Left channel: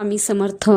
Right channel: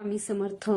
स्वामी समर्थ.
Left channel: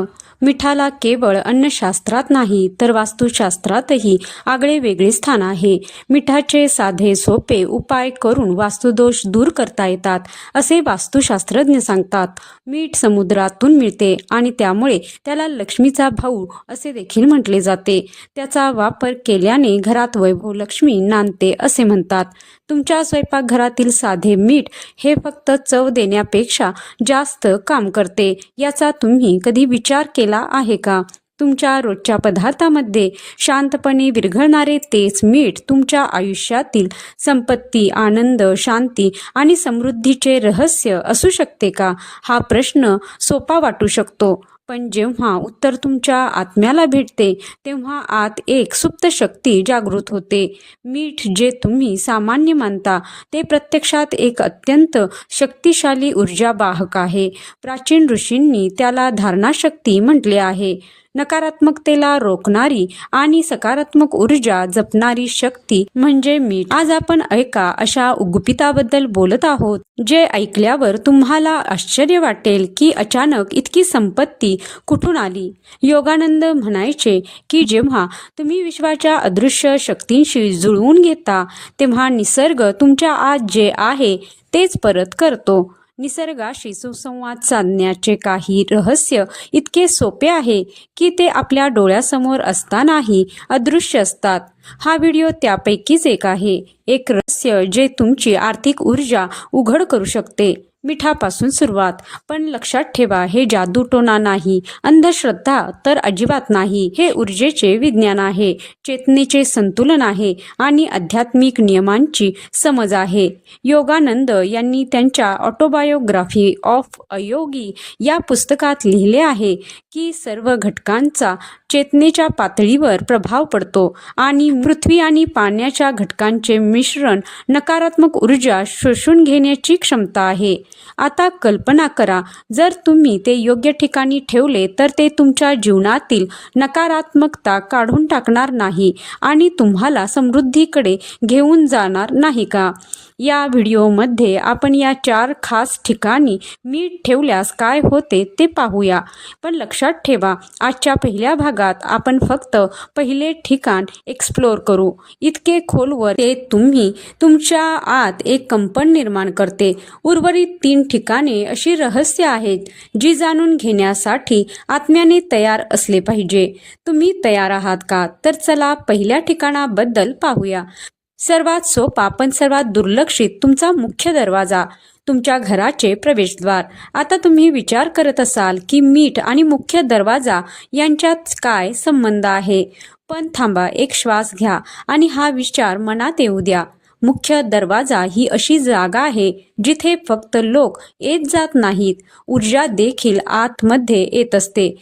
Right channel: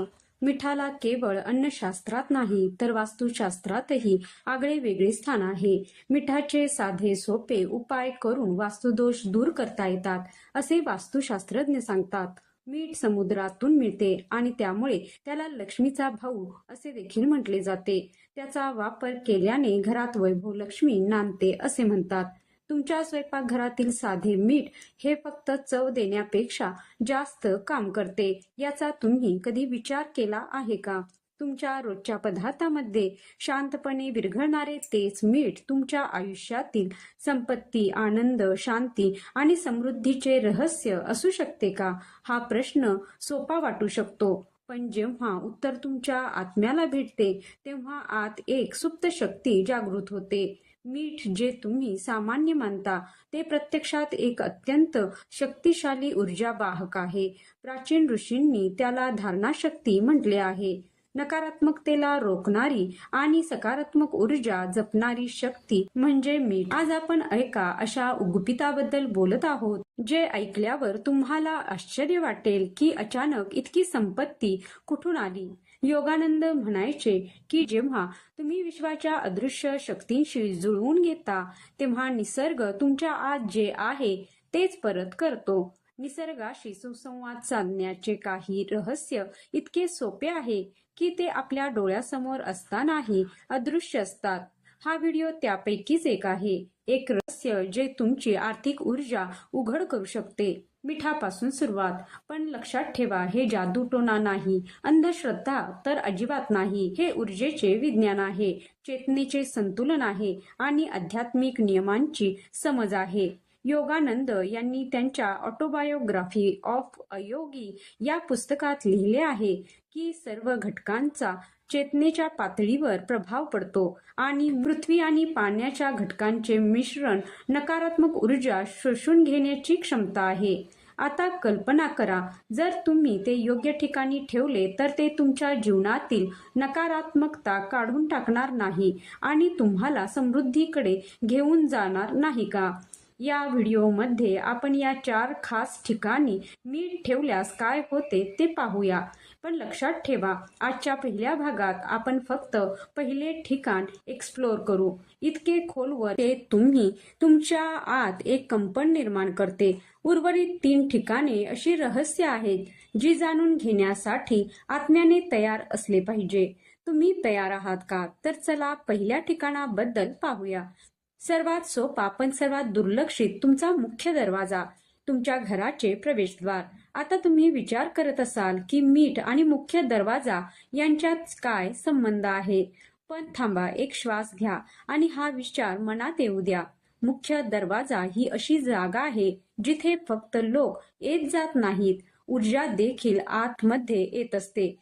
मिठाला केवळ अन्नशास्त्रात नाही तर वास्तुशास्त्रातही आगळे वेगळे स्थान आहे. मिठाचे साधे सोपे उपाय करून वास्तुदोष दूर करता येतात असे वास्तुशास्त्रज्ञ सांगतात. मीठ समुद्रातून मिळते आणि त्यामुळे त्याला लक्ष्मीचा भाऊ असे देखील म्हटले जाते. त्याचा वापर केल्याने घरात वैभव लक्ष्मी नांदते असे म्हणतात. तुमच्या स्वयंपाकघरातील साधे मीठ हे फक्त चव देण्यापेक्षा जास्त काम करते याचा तुम्ही कधी विचार केला आहे का? तुमच्या रोजच्या पदार्थामध्ये शांतपणे विरघळणारे तेच मीठ तुमच्या आयुष्यातील संपत्ती आनंद शांती आणि समृद्धीचे रहस्य असू शकते का? हा प्रश्न सोपा वाटू शकतो. पण जेव्हा उत्तर तुमच्या आत्म्याला भेटते तेव्हा आत एक सुप्त शक्ती जागृत होते. मीठ जे तुम्ही सामान्य मानता ते प्रत्यक्षात एक अत्यंत शक्तिशाली ऊर्जावाहक आहे. प्राचीन ऋषींनी त्याला धारणाशक्ती म्हटले आहे. नकारात्मकतेला रोखणारी आणि सकारात्मक ऊर्जा जपणारी शक्ती म्हणजे मीठ. आज आपण ऐका अशा गुपिताबद्दल बोलत आहोत जे ऐकल्यावर तुम्हाला आश्चर्य वाटेल की अचानक इतकी संपत्ती कुठून आली. योगानंद म्हणायचे की जेव्हा तुम्ही विश्वाच्या अदृश्य शक्तींशी जुळवून घेता तेव्हा निसर्ग तुमच्या आज जे आहे तेच परत करतो. निसर्गाशी सुसंवाद साधण्याचे काही रहस्य इतके सोपे आहे की ते आपल्या डोळ्यासमोर असतानाही अदृश्य असतात. हा व्हिडिओ त्यापैकीच एक आहे. एक रहस्य जे तुमची आर्थिक ऊर्जा उघड करू शकते. मिठापासून सुरुवात. पण लक्षात ठेवा हे जादूटोना नाही. अंधश्रद्धा तर अजिबात नाही. हे ऊर्जेचे विज्ञान आहे. चेतनेचे संतुलन आहे आणि आध्यात्मिक नियमांची समज आहे. योगानंद यांनी त्यांच्या ऑटोबायोग्राफी ऑफ अयोगी या पुस्तकात लिहिले आहे की सर्व घटकांचा चेतनेच्या पातळीवर प्रभाव पडतो आणि पृथ्वी आणि पाण्याच्या घटकांचे मिश्रण नकारात्मक ऊर्जा शोषून घेण्याची क्षमता आहे. आता कल्पना करा जर तुम्ही ते योग्य ठिकाणी ठेवले तर ते तुमच्या जीवनातील नकारात्मकता काढून टाकणार नाही आणि तुम्हाला समृद्धीकडे घेऊन जाणार नाही का? या व्हिडिओमध्ये आपण या चार खास ठिकाणी मीठ ठेवल्यास काय होते ते पाहूया. पण लक्षात ठेवा आजच्या पहिल्या भागात आपण फक्त पहिले ठिकाण एक्सप्लोर करू. इतके खोलवर ते तुम्ही तुमच्या आत एक कंपन निर्माण करते. उर्वरित तीन ठिकाणे अशी रहस्य आहेत जी जाणून घेण्यासाठी आत्म्याने तयार असले पाहिजे. तुम्ही तयार आहात का? तर चला पहिल्या ठिकाणाबद्दल पाहूया. सर्वात सोपा पण सर्वात दुर्लक्षित तुमचा मुख्य दरवाजा तुमच्या घराचे प्रवेशद्वार. आता तुम्ही विचार करत असाल की मीठ आणि मुख्य दरवाजा यांच्यात काय संबंध आहे? पण थांबा एक श्वास घ्या आणि हा विचार मनात येऊ द्या. मुख्य दरवाजा ही अशी जागा आहे जिथे फक्त लोक येत जात नाहीत. ऊर्जा देखील आतमध्ये येत असते.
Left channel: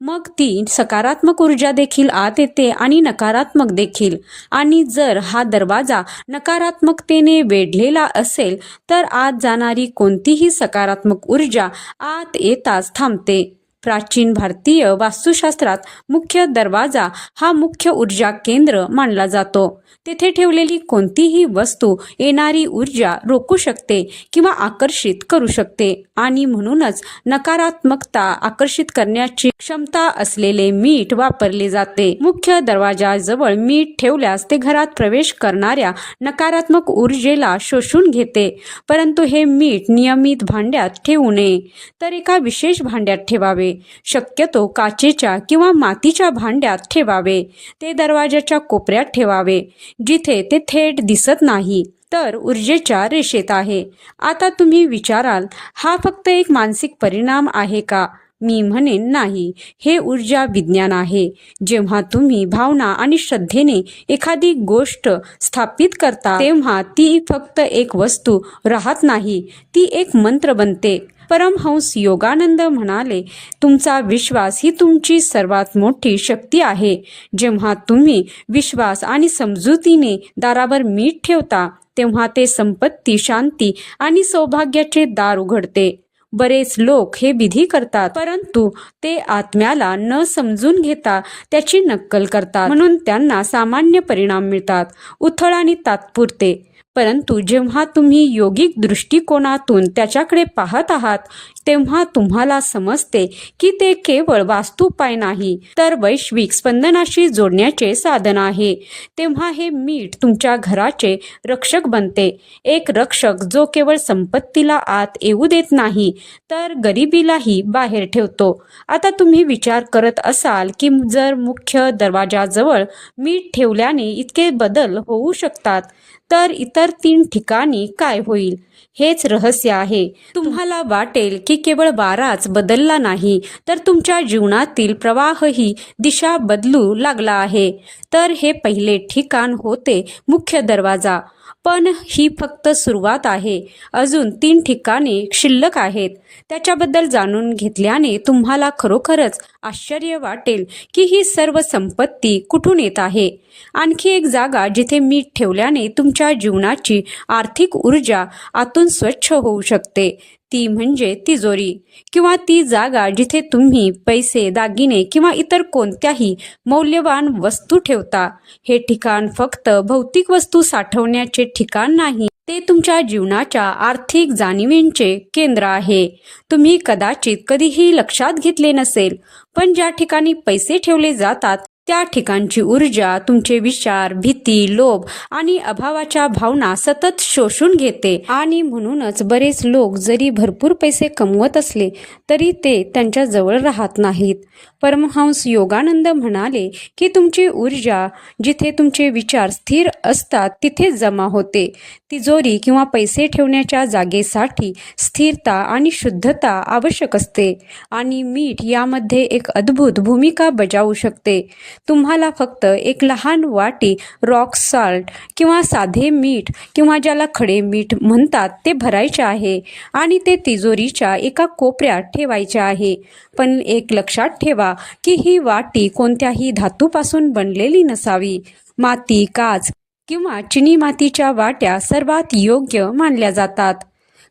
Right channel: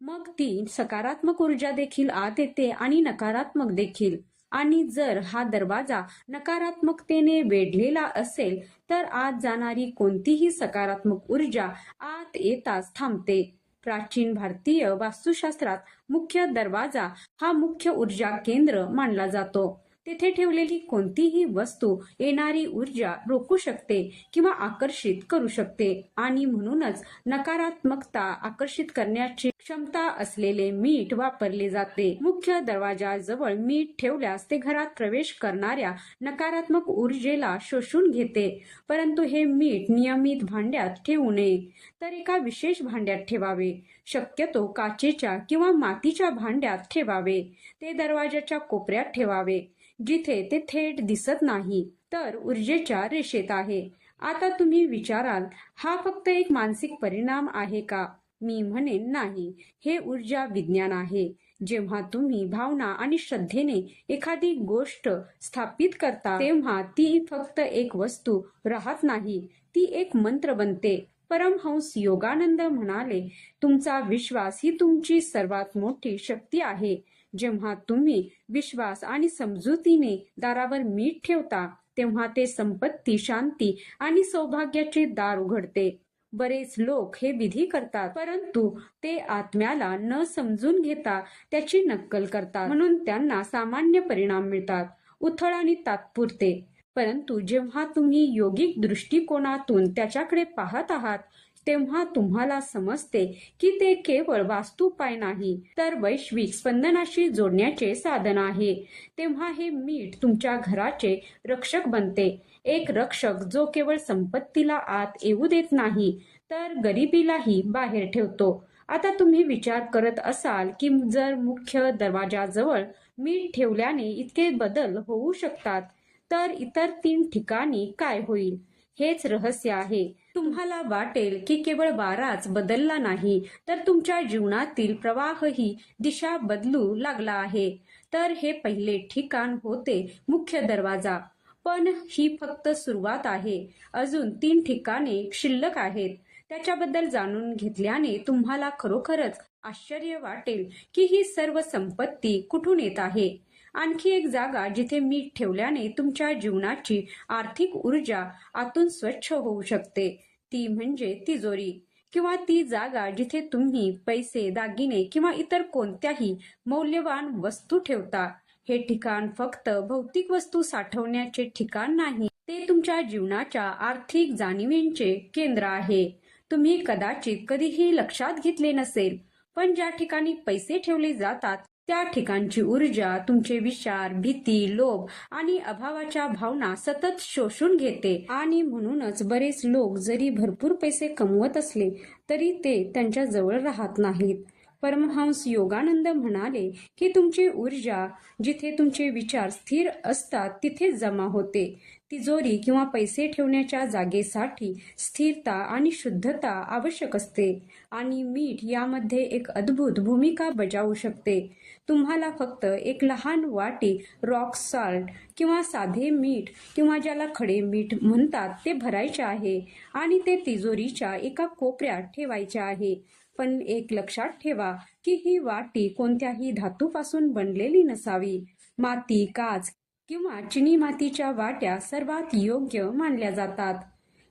मग ती सकारात्मक ऊर्जा देखील आत येते आणि नकारात्मक देखील. आणि जर हा दरवाजा नकारात्मकतेने वेढलेला असेल तर आत जाणारी कोणतीही सकारात्मक ऊर्जा आत येताच थांबते. प्राचीन भारतीय वास्तुशास्त्रात मुख्य दरवाजा हा मुख्य ऊर्जा केंद्र मानला जातो. तेथे ठेवलेली कोणतीही वस्तू येणारी ऊर्जा रोखू शकते किंवा आकर्षित करू शकते आणि म्हणूनच नकारात्मकता आकर्षित करण्याची क्षमता असलेले मीठ वापरले जाते. मुख्य दरवाजाजवळ मीठ ठेवल्यास ते घरात प्रवेश करणाऱ्या नकारात्मक ऊर्जेला शोषून घेते परंतु हे मीठ नियमित भांड्यात ठेवू नये तर एका विशेष भांड्यात ठेवावे. शक्यतो काचेच्या किंवा मातीच्या भांड्यात ठेवावे. ते दरवाजाच्या कोपऱ्यात ठेवावे. जिथे ते थेट दिसत नाही तर ऊर्जेच्या रेषेत आहे. आता तुम्ही विचाराल हा फक्त एक मानसिक परिणाम आहे का? मी म्हणेन नाही. हे ऊर्जा विज्ञान आहे. जेव्हा तुम्ही भावना आणि श्रद्धेने एखादी गोष्ट स्थापित करता तेव्हा ती फक्त एक वस्तू राहत नाही. ती एक मंत्र बनते. परमहंस योगानंद म्हणाले तुमचा विश्वास ही तुमची सर्वात मोठी शक्ती आहे. जेव्हा तुम्ही विश्वास आणि समजुतीने दारावर मीठ ठेवता तेव्हा ते संपत्ती शांती आणि सौभाग्याचे दार उघडते. बरेच लोक हे विधी करतात परंतु ते आत्म्याला न समजून घेता त्याची नक्कल करतात. म्हणून त्यांना सामान्य परिणाम मिळतात उथळ आणि तात्पुरते. परंतु जेव्हा तुम्ही योगिक दृष्टिकोनातून त्याच्याकडे पाहत आहात तेव्हा तुम्हाला समजते की ते केवळ वास्तुपाय नाही तर वैश्विक स्पंदनाशी जोडण्याचे साधन आहे. तेव्हा हे मीठ तुमच्या घराचे रक्षक बनते. एक रक्षक जो केवळ संपत्तीला आत येऊ देत नाही तर गरिबीलाही बाहेर ठेवतो. आता तुम्ही विचार करत असाल की जर मुख्य दरवाजाजवळ मीठ ठेवल्याने इतके बदल होऊ शकतात तर इतर तीन ठिकाणी काय होईल? हेच रहस्य आहे. तुम्हाला वाटेल की केवळ वाराच बदलला नाही तर तुमच्या जीवनातील प्रवाहही दिशा बदलू लागला आहे. तर हे पहिले ठिकाण होते मुख्य दरवाजा. पण ही फक्त सुरुवात आहे. अजून तीन ठिकाणे शिल्लक आहेत. त्याच्याबद्दल जाणून घेतल्याने तुम्हाला खरोखरच आश्चर्य वाटेल की ही सर्व संपत्ती कुठून येत आहे. आणखी एक जागा जिथे मीठ ठेवल्याने तुमच्या जीवनाची आर्थिक ऊर्जा आतून स्वच्छ होऊ शकते. ती म्हणजे तिजोरी. किंवा ती जागा जिथे तुम्ही पैसे दागिने किंवा इतर कोणत्याही मौल्यवान वस्तू ठेवता. हे ठिकाण फक्त भौतिक वस्तू साठवण्याचे ठिकाण नाही. ते तुमच्या जीवनाच्या आर्थिक जाणीवेंचे केंद्र आहे. तुम्ही कदाचित कधीही लक्षात घेतले नसेल पण ज्या ठिकाणी पैसे ठेवले जातात त्या ठिकाणची ऊर्जा तुमचे विचार भीती लोभ आणि अभावाच्या भावना सतत शोषून घेते. आणि म्हणूनच बरेच लोक जरी भरपूर पैसे कमवत असले तरी ते त्यांच्या जवळ राहत नाहीत. परमहंस योगानंद म्हणाले की तुमची ऊर्जा जिथे तुमचे विचार स्थिर असतात तिथे जमा होते. तिजोरी किंवा पैसे ठेवण्याच्या जागेसाठी स्थिरता आणि शुद्धता आवश्यक असते आणि मीठ यामध्ये एक अद्भुत भूमिका बजावू शकते. तुम्हाला फक्त एक लहान वाटी रॉक साल्ट किंवा साधे मीठ किंवा ज्याला खडे मीठ म्हणतात ते भरायचे आहे आणि ते तिजोरीच्या एका कोपऱ्यात ठेवायचे आहे. पण एक लक्षात ठेवा की ही वाटी कोणत्याही धातूपासून बनलेली नसावी. माती काच किंवा चिनी मातीच्या वाट्या सर्वात योग्य मानल्या जातात.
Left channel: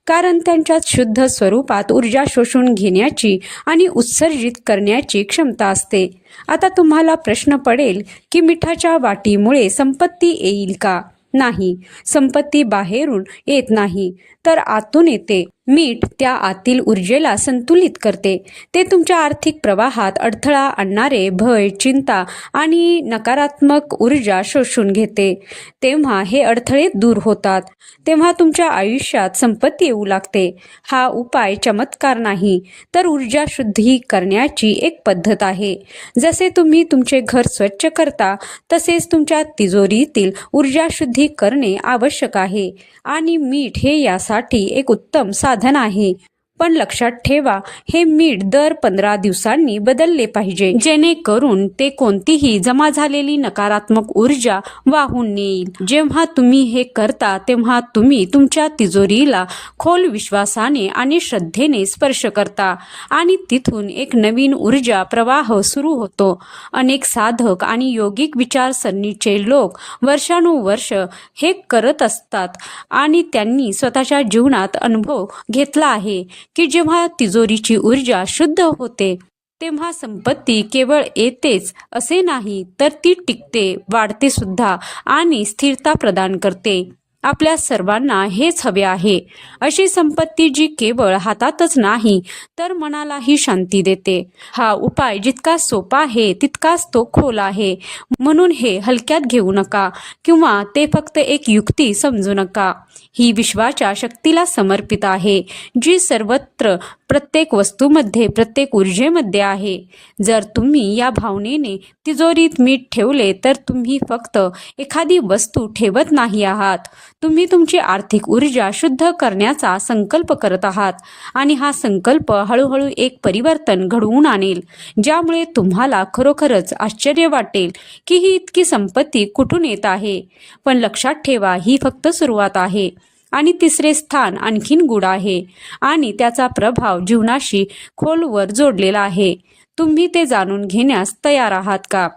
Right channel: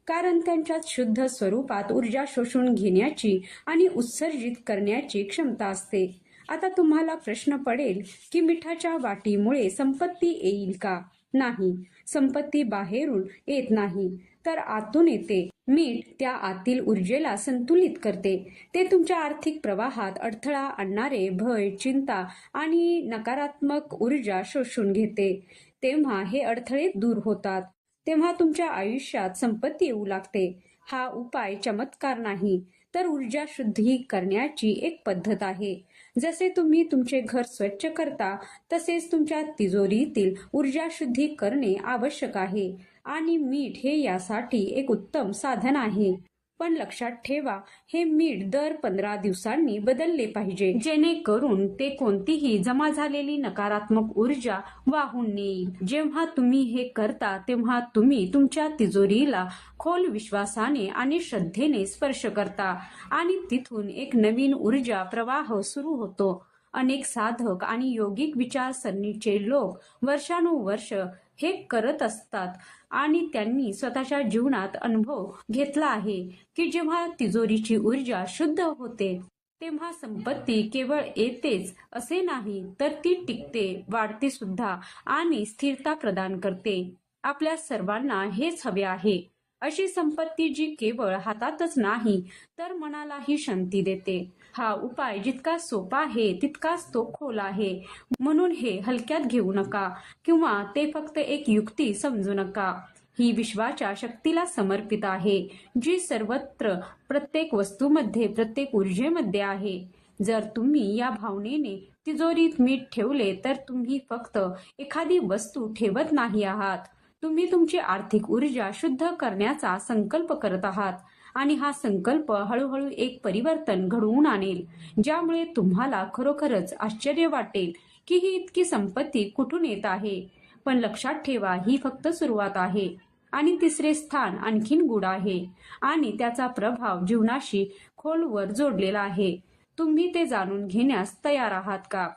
कारण त्यांच्यात शुद्ध स्वरूपात ऊर्जा शोषून घेण्याची आणि उत्सर्जित करण्याची क्षमता असते. आता तुम्हाला प्रश्न पडेल की मिठाच्या वाटीमुळे संपत्ती येईल का? नाही. संपत्ती बाहेरून येत नाही. तर आतून येते. मीठ त्या आतील ऊर्जेला संतुलित करते. ते तुमच्या आर्थिक प्रवाहात अडथळा आणणारे भय चिंता आणि नकारात्मक ऊर्जा शोषून घेते. तेव्हा हे अडथळे दूर होतात. तेव्हा तुमच्या आयुष्यात संपत्ती येऊ लागते. हा उपाय चमत्कार नाही तर ऊर्जा शुद्धी करण्याची एक पद्धत आहे. जसे तुम्ही तुमचे घर स्वच्छ करता तसेच तुमच्या तिजोरीतील ऊर्जा शुद्धी करणे आवश्यक आहे. आणि मीठ हे यासाठी एक उत्तम साधन आहे. पण लक्षात ठेवा हे मीठ दर पंधरा दिवसांनी बदलले पाहिजे. जेणेकरून ते कोणतीही जमा झालेली नकारात्मक ऊर्जा वाहून नेईल. जेव्हा तुम्ही हे करता तेव्हा तुम्ही तुमच्या तिजोरीला खोल विश्वासाने आणि श्रद्धेने स्पर्श करता आणि तिथून एक नवीन ऊर्जा प्रवाह सुरू होतो. अनेक साधक आणि योगिक विचारसरणीचे लोक वर्षानुवर्ष हे करत असतात आणि त्यांनी स्वतःच्या जीवनात अनुभव घेतला आहे. की जेव्हा तिजोरीची ऊर्जा शुद्ध होते तेव्हा संपत्ती केवळ येतेच असे नाही तर ती टिकते वाढते सुद्धा आणि स्थिरता प्रदान करते. आपल्या सर्वांना हेच हवे आहे. अशी संपत्ती जी केवळ हातातच नाही तर मनालाही शांती देते. हा उपाय जितका सोपा आहे तितकाच तो खोल आहे. म्हणून हे हलक्यात घेऊ नका किंवा ते फक्त एक युक्ती समजू नका. ही विश्वाच्या शक्तीला समर्पित आहे जी सर्वत्र प्रत्येक वस्तूमध्ये प्रत्येक ऊर्जेमध्ये आहे. जर तुम्ही या भावनेने तिजोरीत मीठ ठेवले तर तुम्ही फक्त एखादी वस्तू ठेवत नाही आहात. तुम्ही तुमची आर्थिक ऊर्जा शुद्ध करण्याचा संकल्प करत आहात आणि हा संकल्प हळूहळू एक परिवर्तन घडवून आणेल ज्यामुळे तुम्हाला खरोखरच आश्चर्य वाटेल की ही इतकी संपत्ती कुठून येत आहे. पण लक्षात ठेवा ही फक्त सुरुवात आहे. आणि तिसरे स्थान आणखीन गुढ आहे. आणि त्याचा प्रभाव जीवनाशी खोलवर जोडलेला आहे. तुम्ही ते जाणून घेण्यास तयार आहात का?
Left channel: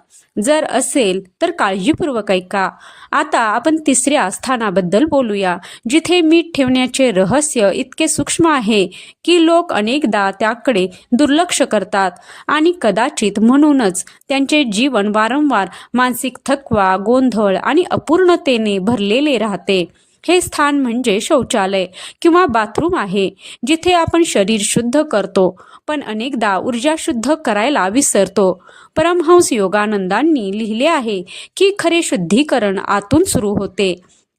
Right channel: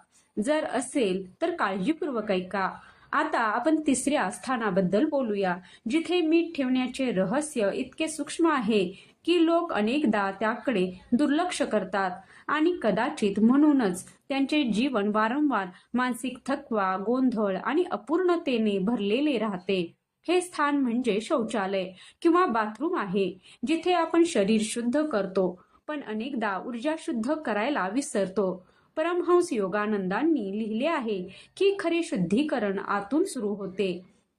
जर असेल तर काळजीपूर्वक ऐका. आता आपण तिसऱ्या स्थानाबद्दल बोलूया जिथे मीठ ठेवण्याचे रहस्य इतके सूक्ष्म आहे की लोक अनेकदा त्याकडे दुर्लक्ष करतात. आणि कदाचित म्हणूनच त्यांचे जीवन वारंवार मानसिक थकवा गोंधळ आणि अपूर्णतेने भरलेले राहते. हे स्थान म्हणजे शौचालय किंवा बाथरूम आहे जिथे आपण शरीर शुद्ध करतो पण अनेकदा ऊर्जा शुद्ध करायला विसरतो. परमहंस योगानंदांनी लिहिले आहे की खरे शुद्धीकरण आतून सुरू होते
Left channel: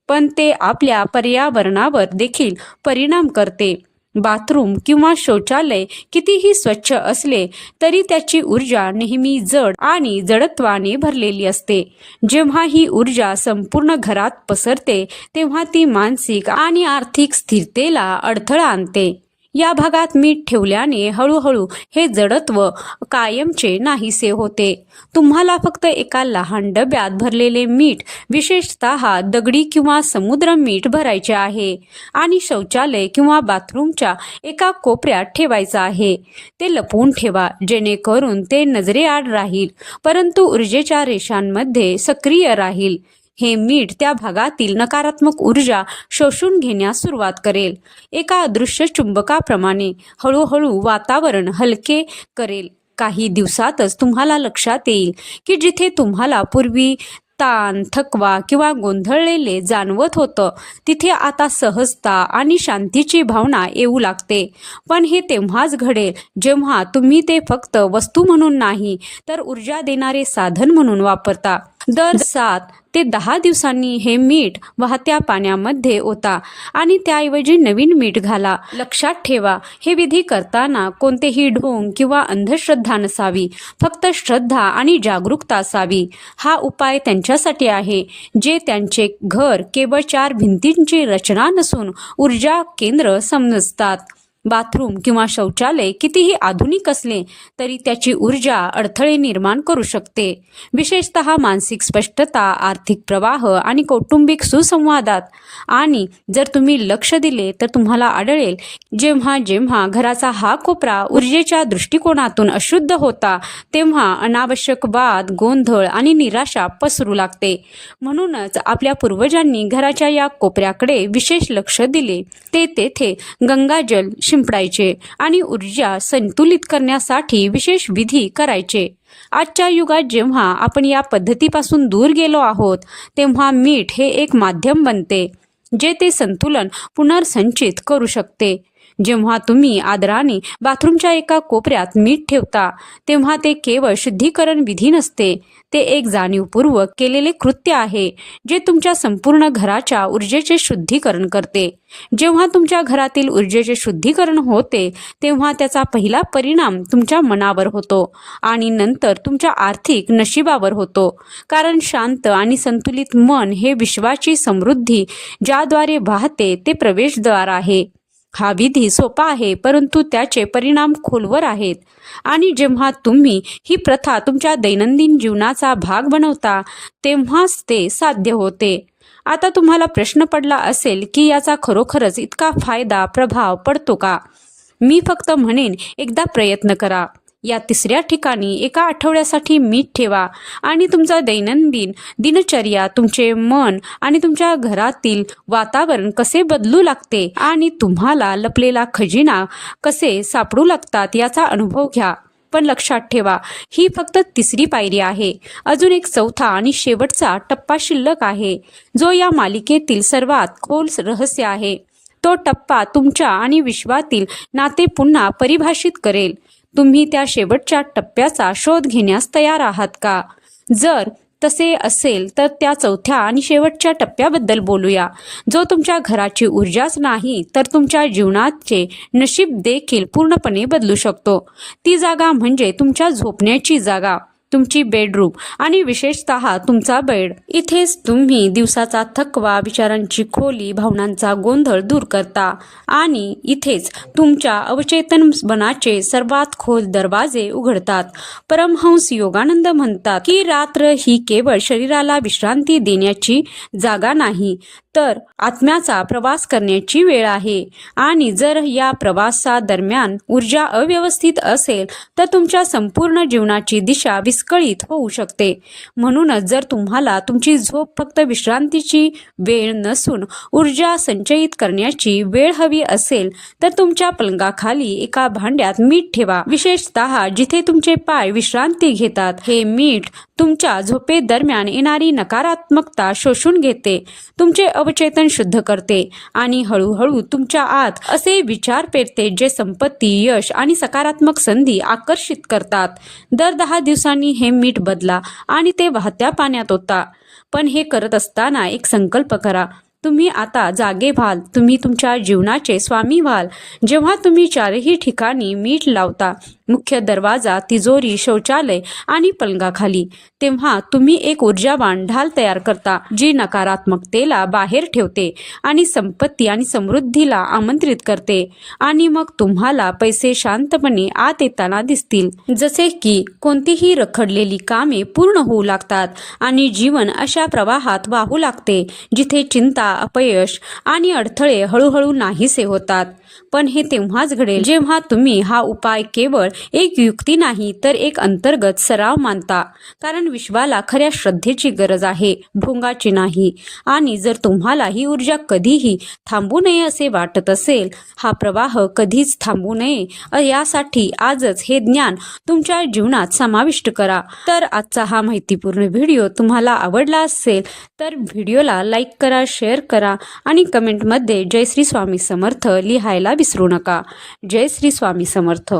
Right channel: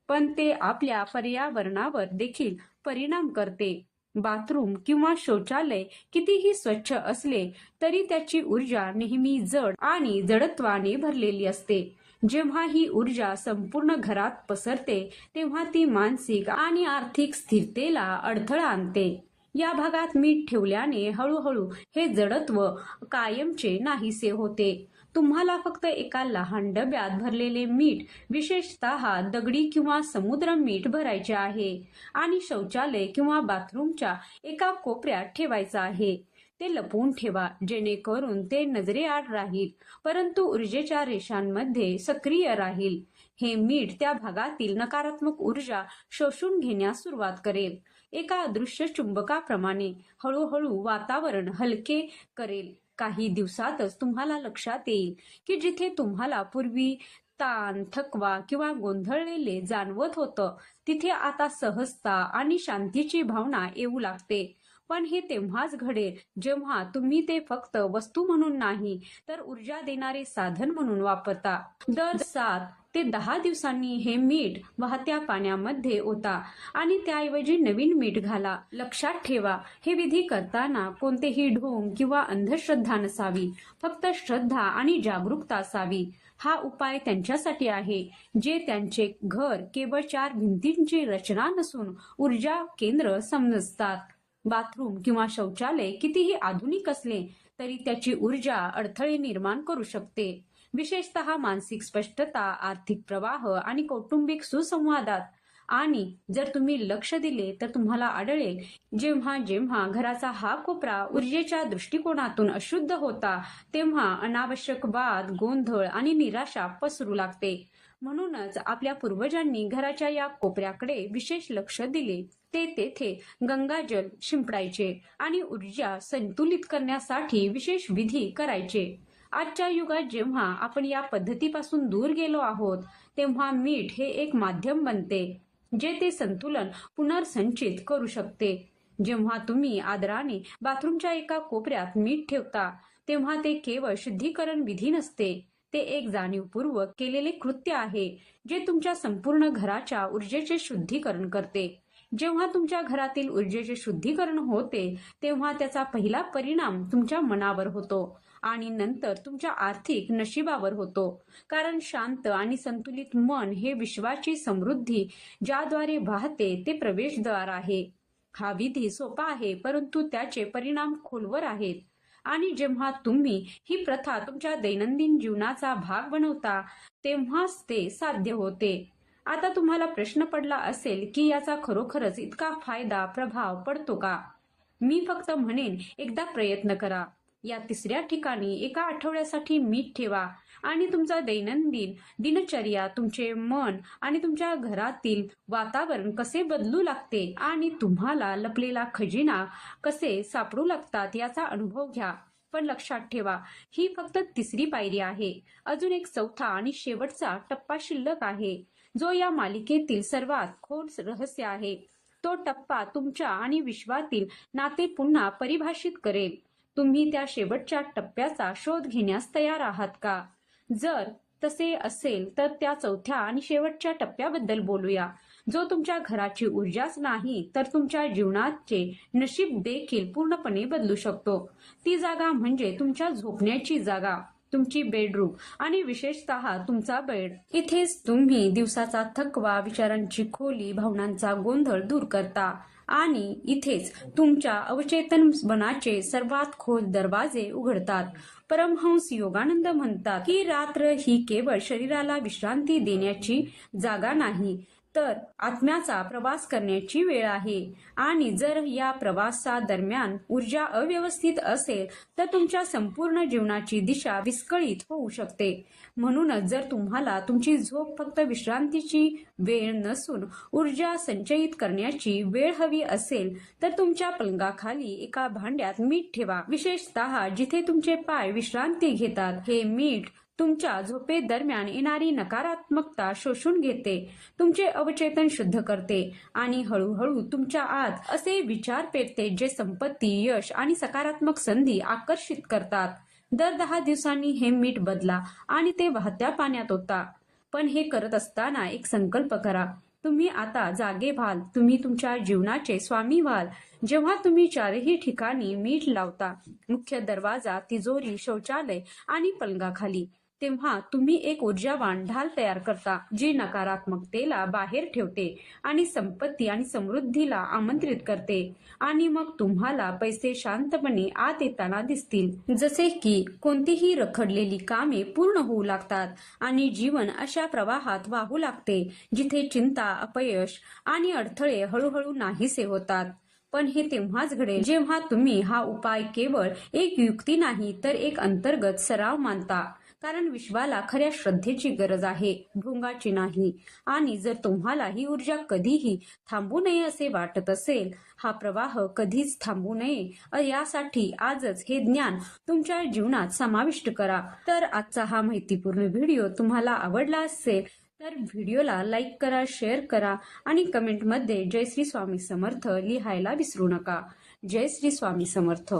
पण ते आपल्या पर्यावरणावर देखील परिणाम करते. बाथरूम किंवा शौचालय कितीही स्वच्छ असले तरी त्याची ऊर्जा नेहमी जड आणि जडत्वाने भरलेली असते. जेव्हा ही ऊर्जा संपूर्ण घरात पसरते तेव्हा ती मानसिक आणि आर्थिक स्थिरतेला अडथळा आणते. या भागात मीठ ठेवल्याने हळूहळू हे जडत्व कायमचे नाहीसे होते. तुम्हाला फक्त एका लहान डब्यात भरलेले मीठ विशेषतः दगडी किंवा समुद्र मीठ भरायचे आहे आणि शौचालय किंवा बाथरूमच्या एका कोपऱ्यात ठेवायचं आहे. ते लपवून ठेवा जेणेकरून ते नजरेआड राहील परंतु ऊर्जेच्या रेषांमध्ये सक्रिय राहील. हे मीठ त्या भागातील नकारात्मक ऊर्जा शोषून घेण्यास सुरुवात करेल. एका अदृश्य चुंबकाप्रमाणे हळूहळू वातावरण हलके करेल. काही दिवसातच तुम्हाला लक्षात येईल की जिथे तुम्हाला पूर्वी ताण थकवा किंवा गोंधळलेले जाणवत होतं तिथे आता सहजता आणि शांतीची भावना येऊ लागते. पण हे तेव्हाच घडेल जेव्हा तुम्ही ते फक्त वस्तू म्हणून नाही तर ऊर्जा देणारे साधन म्हणून वापरता. दर सात ते दहा दिवसांनी हे मीठ वाहत्या पाण्यामध्ये ओता आणि त्याऐवजी नवीन मीठ घाला. लक्षात ठेवा हे विधी करताना कोणतेही ढोंग किंवा अंधश्रद्धा नसावी फक्त श्रद्धा आणि जागरूकता असावी. हा उपाय त्यांच्यासाठी आहे जे त्यांचे घर केवळ चार भिंतींची रचना नसून ऊर्जा केंद्र समजतात. बाथरूम किंवा शौचालय कितीही आधुनिक असले तरी त्याची ऊर्जा अडथळे निर्माण करू शकते. विशेषतः मानसिक स्पष्टता आर्थिक प्रवाह आणि कौटुंबिक सुसंवादात. आणि जर तुम्ही लक्ष दिले तर तुम्हाला आढळेल जेव्हा जेव्हा घराचा हा कोपरा ऊर्जेच्या दृष्टिकोनातून अशुद्ध होता तेव्हा अनावश्यक वाद गोंधळ आणि निराशा पसरू लागते. म्हणूनच आपल्या पूर्वजांनी घराच्या या कोपऱ्याकडे विशेष लक्ष दिले. ते तेथे गंगाजल शिंपडायचे आणि ऊर्जा संतुलित करण्यासाठी विशेष विधी करायचे. आजच्या युगात जेव्हा आपण या पद्धतीपासून दूर गेलो आहोत तेव्हा मीठ हे एक माध्यम बनते जे ते संतुलन पुनर्संचित करू शकते. जेव्हा तुम्ही आदराने बाथरूमच्या एका कोपऱ्यात मीठ ठेवता तेव्हा ते केवळ शुद्धीकरण विधी नसते ते एक जाणीवपूर्वक केलेले कृत्य आहे जे तुमच्या संपूर्ण घराच्या ऊर्जेचे शुद्धीकरण करते. जेव्हा तुमच्या घरातील ऊर्जेचे शुद्धीकरण होते तेव्हा त्याचा पहिला परिणाम तुमच्या मनावर होतो आणि नंतर तुमच्या आर्थिक नशिबावर होतो. कारण शांत आणि संतुलित मन हे विश्वाची समृद्धी ज्याद्वारे वाहते ते प्रवेशद्वार आहे. हा विधी सोपा आहे परंतु त्याचे परिणाम खोलवर आहेत. आणि जेव्हा तुम्ही ही प्रथा तुमच्या दैनंदिन जीवनाचा भाग बनवता तेव्हाच ते साध्य होते. आता तुम्हाला प्रश्न पडला असेल की याचा खरोखरच इतका फायदा प्रभाव पडतो का? मी फक्त म्हणेन एकदा प्रयत्न करा. या तिसऱ्या ठिकाणी एका आठवड्यासाठी मीठ ठेवा आणि तुमचा दैनंदिन दिनचर्या तुमचे मन आणि तुमच्या घरातील वातावरण कसे बदलू लागते आणि तुम्हाला लपलेला खजिना कसे सापडू लागतात याचा अनुभव घ्या. पण लक्षात ठेवा ही फक्त तिसरी पायरी आहे. अजून एक चौथा आणि शेवटचा टप्पा शिल्लक आहे जो या मालिकेतील सर्वात खोल रहस्य आहे. तो टप्पा तुमच्या आणि विश्वातील नाते पुन्हा परिभाषित करेल. तुम्ही त्या शेवटच्या टप्प्याचा शोध घेण्यास तयार आहात का? जर तसे असेल तर त्या चौथ्या आणि शेवटच्या टप्प्याबद्दल बोलूया. जो तुमच्या घराची ऊर्जाच नाही तर तुमच्या जीवनाचे नशीब देखील पूर्णपणे बदलू शकतो. ती जागा म्हणजे तुमच्या झोपण्याची जागा. तुमची बेडरूम. आणि विशेषतः तुमचा बेड. इथेच तुम्ही दिवसाचा थकवा विचारांची खोली भावनांचा गोंधळ दूर करता. आणि इथेच तुमच्या अवचेतन मनाचे सर्वात खोल दरवाजे उघडतात. परमहंस योगानंद म्हणतात की रात्र ही केवळ शरीराला विश्रांती देण्याची जागा नाही तर आत्म्याचा प्रवास करण्याची वेळ आहे. आणि जर या प्रवासादरम्यान ऊर्जा अव्यवस्थित असेल तर तुमच्या संपूर्ण जीवनाची दिशा विस्कळीत होऊ शकते. म्हणूनच जर तुम्हाला तुमची झोप फक्त विश्रांतीची वेळ नसून ऊर्जा संचयित करण्याची वेळ हवी असेल तर तुमच्या पलंगाखाली एका भांड्यात मीठ ठेवा. विशेषतः जिथे तुमचे पाय विश्रांती घेतात हे मीठ तुमच्या झोपेदरम्यान येणारी नकारात्मकता शोषून घेते. तुमचे अव अवचेतन शुद्ध करते आणि हळूहळू तुमच्या आत असे विचार पेरते जे संपत्ती यश आणि सकारात्मक संधी आकर्षित करतात. दर दहा दिवसांनी हे मीठ बदला आणि ते वाहत्या पाण्यात होता पण हे करत असताना एक संकल्प करा. तुम्ही आता जागे व्हाल. तुम्ही तुमच्या जीवनाचे स्वामी व्हाल. जेव्हा तुम्ही चारही ठिकाणी मीठ लावता मुख्य दरवाजा तिजोरी शौचालय आणि पलंगाखाली तेव्हा तुम्ही एक ऊर्जावान ढाल तयार करता जी नकारात्मकतेला बाहेर ठेवते आणि संपत्ती आणि समृद्धीला आमंत्रित करते. आणि मग तुम्हाला पैसे शांतपणे आत येताना दिसतील. जसे की कोणतीही रखडलेली कामे पूर्ण होऊ लागतात आणि जीवन अशा प्रवाहात वाहू लागते जिथे चिंता अपयश आणि अडथळे हळूहळू नाहीसे होतात. पण हे तेव्हाच घडेल जेव्हा तुम्ही हा उपाय केवळ एक युक्ती नाही तर एक अंतर्गत सराव मानता. कारण विश्वाला खऱ्या श्रद्धेची गरज आहे भोंगाची नाही. आणि जर तुम्हाला ही ऊर्जा कधीही थांबू नये असे वाटत असेल हा प्रवाह कधीच थांबू नये यासाठी आजच हे ज्ञान तुमच्या जीवनात समाविष्ट करा. तर आजचा हा माहितीपूर्ण व्हिडिओ तुम्हाला आवडला असेल तर व्हिडिओला लाईक करा शेअर करा आणि कमेंटमध्ये जय श्री स्वामी समर्थ लिहायला विसरू नका. जय श्री स्वामी समर्थ.